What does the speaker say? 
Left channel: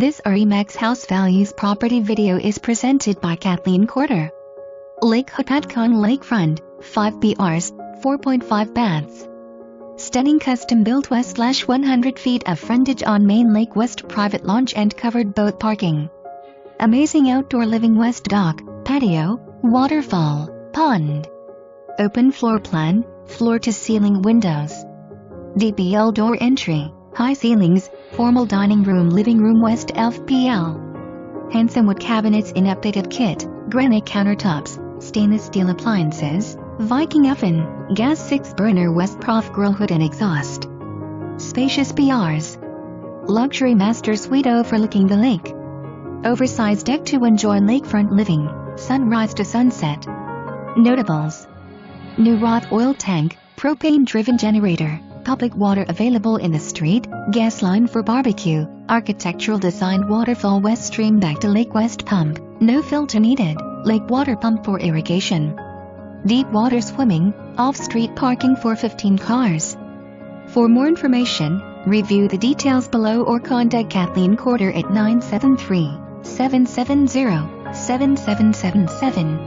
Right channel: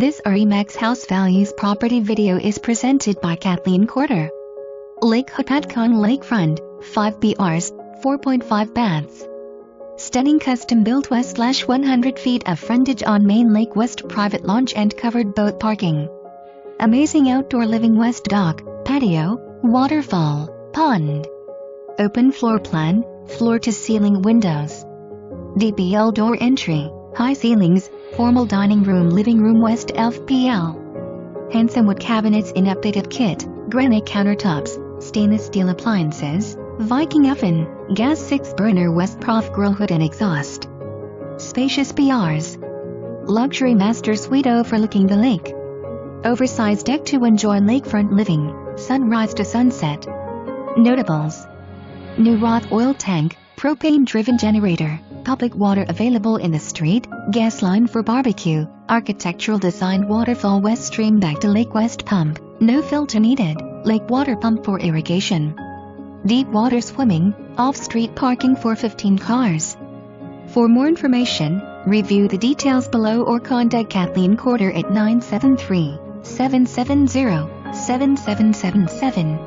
This RE/MAX house values property video is presented by Kathleen Corder. Lake Hopatcong Lakefront, 5 BRs, 4.5 baths. Stunning custom-built west/100 feet of frontage on main lake west, private launch and covered boat parking. Amazing outdoor living west dock, patio, waterfall, pond. Open floor plan, floor-to-ceiling windows. DPL door entry, high ceilings, formal dining room living room west FPL. Handsome wood cabinets in updated kit, granite countertops, stainless steel appliances, Viking oven, gas 6-burner west prof grill hood and exhaust. Spacious BRs. Luxury master suite overlooking the lake. Oversized deck to enjoy lakefront living, sunrise to sunset. Notables. New Roth Oil tank, propane-driven generator, public water available in the street, gas line for barbecue, architectural design waterfall west stream back to lake west pump, no filter needed, lake water pump for irrigation. Deep water swimming, off-street parking for 15 cars. For more information, review the details below or contact Kathleen Corder at 973-770-7777.